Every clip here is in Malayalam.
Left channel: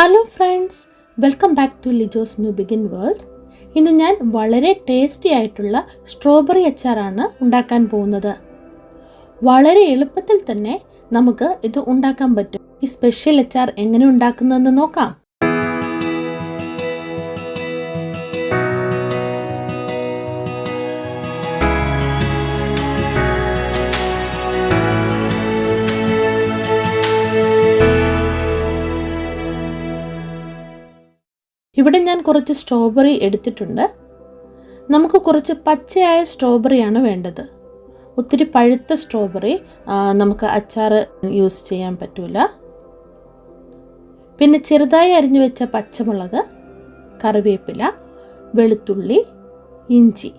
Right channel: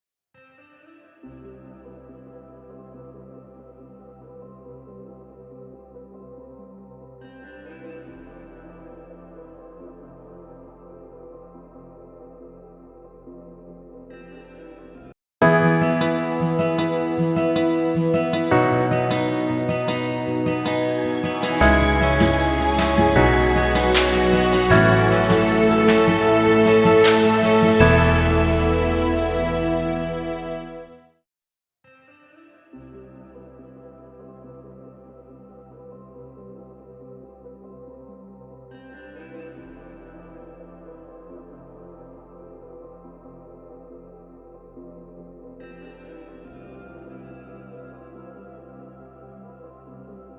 Hello friends, welcome back to Lijo's new begin world. ഇന്ന് ഞാൻ വളരെ ടേസ്റ്റി ആയിട്ടുള്ള സ്ട്രോബെറി അച്ചാറാണ് ഉണ്ടാക്കാൻ പോകുന്നത്. വളരെ എളുപ്പത്തിൽ തന്നെ നമുക്ക് ഇത് ഉണ്ടാക്കാൻ പറ്റും. ഈ സ്പെഷ്യൽ അച്ചാർ എങ്ങനെ ഉണ്ടാക്കുന്നതെന്ന് നോക്കാം. ഇവിടെ ഞാൻ കുറച്ച് സ്ട്രോബെറി എടുത്തിട്ടുണ്ട്. നമുക്ക് കുറച്ച് പച്ചയായ സ്ട്രോബെറിയാണ് വേണ്ടത്. ഒത്തിരി പഴുത്ത സ്ട്രോബെറി നമുക്ക് അച്ചാർ യൂസ് ചെയ്യാൻ പറ്റില്ല. പിന്നെ ചെറുതായി അരിഞ്ഞു വെച്ച പച്ചമുളക്, കറിവേപ്പില, വെളുത്തുള്ളി, ഇഞ്ചി.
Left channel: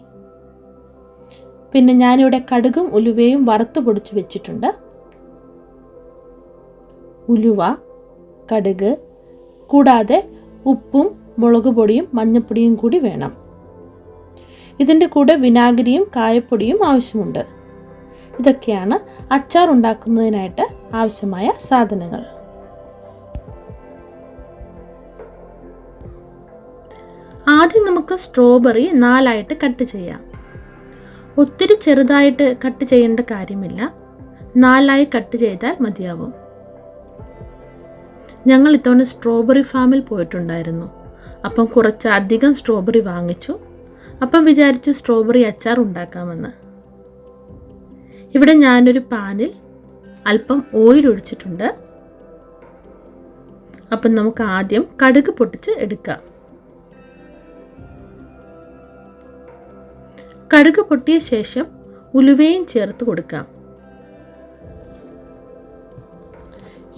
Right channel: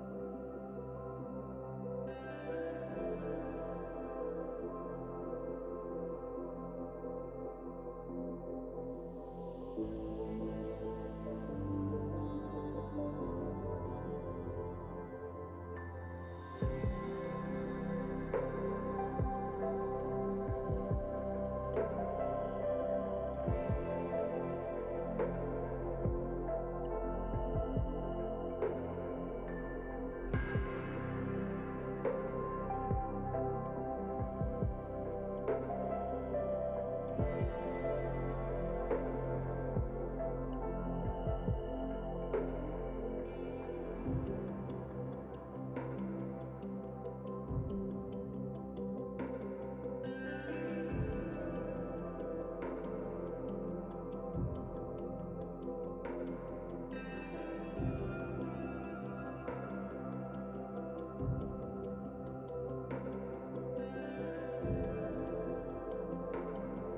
പിന്നെ ഞാനിവിടെ കടുകും ഉലുവയും വറുത്ത് പൊടിച്ച് വെച്ചിട്ടുണ്ട്. ഉലുവ, കടുക് കൂടാതെ ഉപ്പും മുളക് പൊടിയും മഞ്ഞൾപ്പൊടിയും കൂടി വേണം. ഇതിൻ്റെ കൂടെ വിനാഗിരിയും കായപ്പൊടിയും ആവശ്യമുണ്ട്. ഇതൊക്കെയാണ് അച്ചാർ ഉണ്ടാക്കുന്നതിനായിട്ട് ആവശ്യമായ സാധനങ്ങൾ. ആദ്യം നമുക്ക് സ്ട്രോബെറി 4 കട്ട് ചെയ്യാം. ഒത്തിരി ചെറുതായിട്ട് കട്ട് ചെയ്യേണ്ട കാര്യമില്ല, 4 കട്ട് ചെയ്താൽ മതിയാവും. ഞങ്ങൾ ഇത്തവണ സ്ട്രോബെറി ഫാമിൽ പോയിട്ടുണ്ടായിരുന്നു. അപ്പം കുറച്ച് അധികം സ്ട്രോബെറി വാങ്ങിച്ചു. അപ്പം വിചാരിച്ചു സ്ട്രോബെറി അച്ചാർ ഉണ്ടാക്കാമെന്ന്. ഇവിടെ ഞാനൊരു പാനിൽ അല്പം ഓയിൽ ഒഴിച്ചിട്ടുണ്ട്. അപ്പം നമുക്ക് ആദ്യം കടുക് പൊട്ടിച്ച് എടുക്കാം. കടുക് പൊട്ടിയ ശേഷം ഉലുവയും ചേർത്ത് കൊടുക്കാം.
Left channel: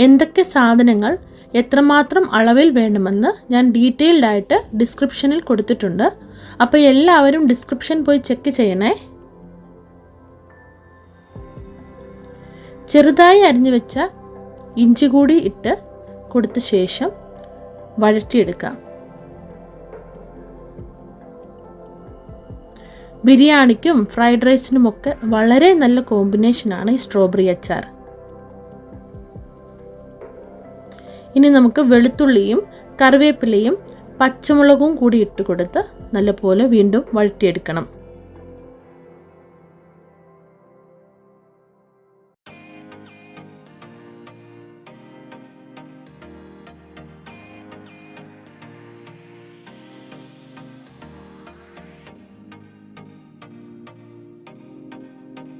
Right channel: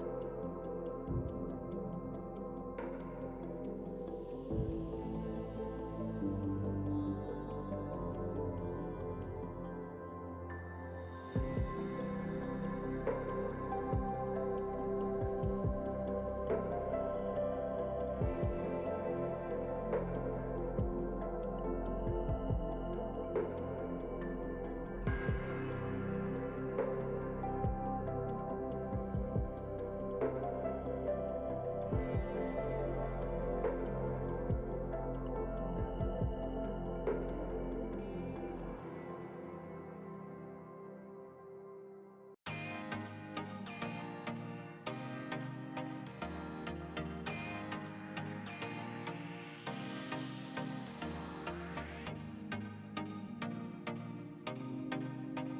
എന്തൊക്കെ സാധനങ്ങൾ എത്രമാത്രം അളവിൽ വേണമെന്ന് ഞാൻ ഡീറ്റെയിൽഡ് ആയിട്ട് ഡിസ്ക്രിപ്ഷനിൽ കൊടുത്തിട്ടുണ്ട്. അപ്പോൾ എല്ലാവരും ഡിസ്ക്രിപ്ഷൻ പോയി ചെക്ക് ചെയ്യണേ. ചെറുതായി അരിഞ്ഞു വെച്ച ഇഞ്ചി കൂടി ഇട്ട് കൊടുത്ത ശേഷം വഴറ്റിയെടുക്കാം. ബിരിയാണിക്കും ഫ്രൈഡ് റൈസിനുമൊക്കെ വളരെ നല്ല കോമ്പിനേഷനാണ് ഈ സ്ട്രോബെറി അച്ചാർ. ഇനി നമുക്ക് വെളുത്തുള്ളിയും കറിവേപ്പിലയും പച്ചമുളകും കൂടി ഇട്ട് കൊടുത്ത് നല്ലപോലെ വീണ്ടും വഴറ്റിയെടുക്കണം.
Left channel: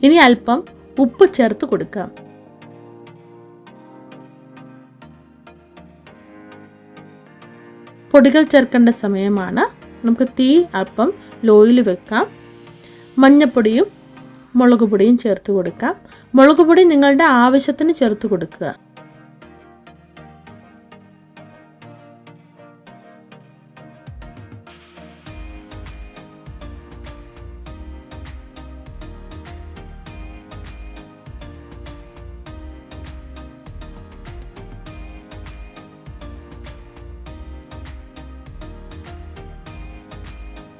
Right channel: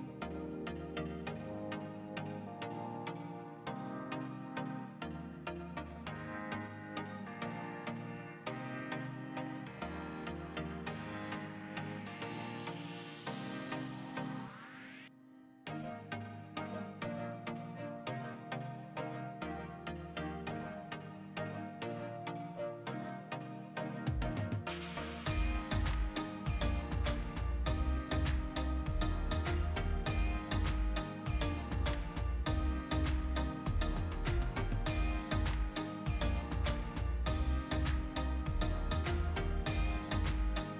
ഇനി അല്പം ഉപ്പ് ചേർത്ത് കൊടുക്കാം. പൊടികൾ ചേർക്കേണ്ട സമയമാണ്. നമുക്ക് തീ അല്പം ലോയിൽ വെക്കാം. മഞ്ഞൾപ്പൊടിയും മുളക് പൊടിയും ചേർത്ത് കൊടുക്കാം. മുളക് പൊടി നിങ്ങളുടെ ആവശ്യത്തിന് ചേർത്ത് കൊടുക്കുക.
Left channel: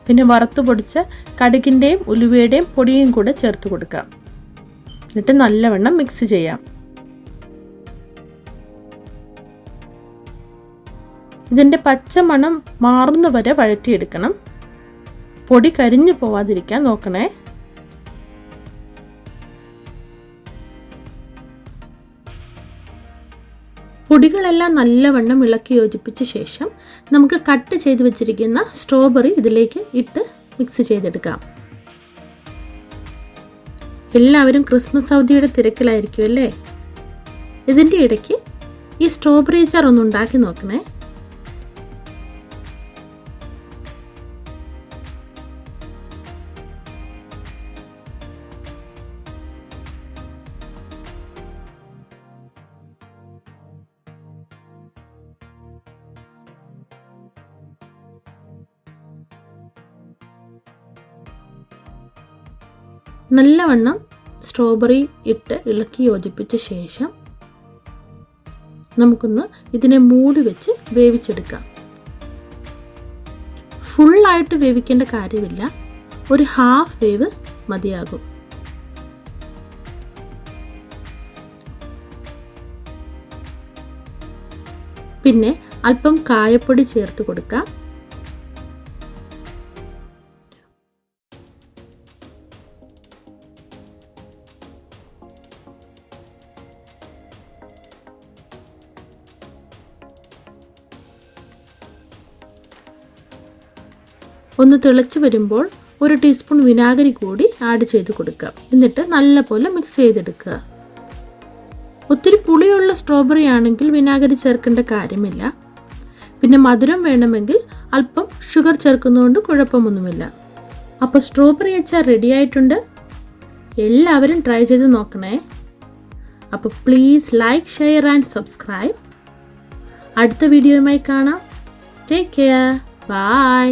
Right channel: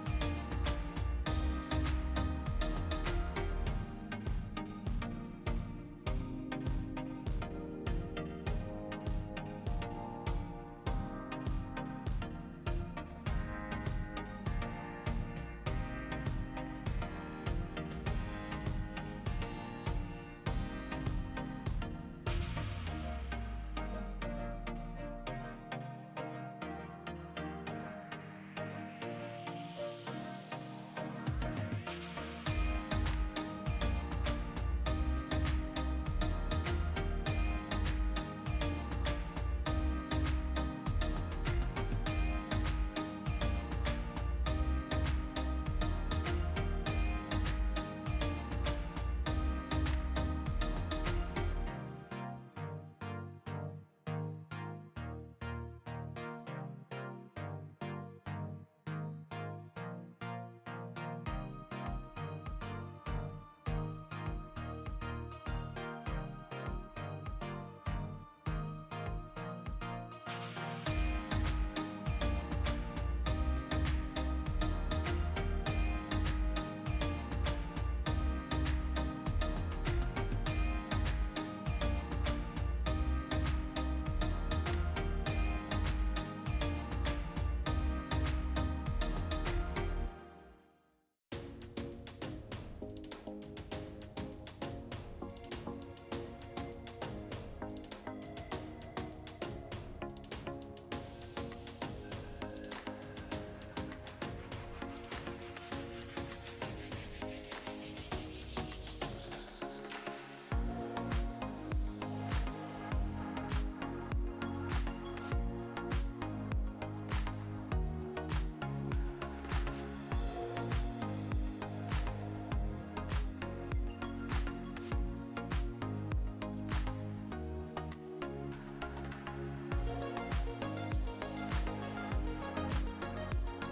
പിന്നെ വറുത്ത് പൊടിച്ച കടുകിൻ്റെയും ഉലുവയുടെയും പൊടിയും കൂടെ ചേർത്ത് കൊടുക്കാം. എന്നിട്ട് നല്ലവണ്ണം മിക്സ് ചെയ്യാം. ഇതിൻ്റെ പച്ചമണം മാറുന്നവരെ വഴറ്റിയെടുക്കണം. പൊടി കരിഞ്ഞു പോവാതിരിക്കാൻ നോക്കണേ. പൊടികളെല്ലാം നല്ലവണ്ണം ഇളക്കി യോജിപ്പിച്ച ശേഷം നമുക്ക് കട്ട് ചെയ്ത് വെച്ചിരിക്കുന്ന സ്ട്രോബെറി ഇതിലേക്ക് ഇട്ട് മിക്സ് ചെയ്തെടുക്കാം. എല്ലാവരും ക്രിസ്മസ് അവധിയുടെ തിരക്കിലായിരിക്കും അല്ലേ? ഇതിൻ്റെ ഇടയ്ക്ക് ഈ സ്ട്രോബെറി അച്ചാർ ഒന്ന് ഉണ്ടാക്കി നോക്കണേ. നല്ലവണ്ണം സ്ട്രോബെറി ഇട്ട് ഇളക്കി യോജിപ്പിച്ച ശേഷം നമുക്കൊന്ന് ഇതിനെ മൂടി വെച്ച് വേവിച്ചെടുക്കാം. ഫുള്ളായിട്ട് വേവിക്കേണ്ട കാര്യമില്ല, ഒരു ഹാഫ് വേവ് മതിയാകും. പിന്നെ അല്പം കായപ്പൊടി ചേർത്ത് കൊടുക്കാം. ഒന്ന് തിളച്ച് വരുമ്പോൾ 1 ടീസ്പൂൺ വിനാഗിരി കൂടി ആഡ് ചെയ്ത് കൊടുക്കുക. എന്നിട്ട് നല്ലപോലെ മിക്സ് ചെയ്തെടുക്കുക. ഒത്തിരി പുളിയുള്ള സ്ട്രോബെറി ആണെങ്കിൽ വിനാഗിരി ചേർക്കേണ്ട കാര്യമില്ല. പിന്നെ മധുരം വേണമെങ്കിൽ അല്പം ഷുഗർ ചേർക്കുന്നതുകൊണ്ട് കുഴപ്പമൊന്നുമില്ല. അപ്പോൾ സ്ട്രോബെറി അച്ചാർ റെഡി ആയിട്ടുണ്ട്. എല്ലാവരും ട്രൈ ചെയ്ത് നോക്കണേ. അപ്പോൾ please like, share and subscribe. അടുത്ത വീഡിയോയുമായി കാണാം. Take care. ബൈ.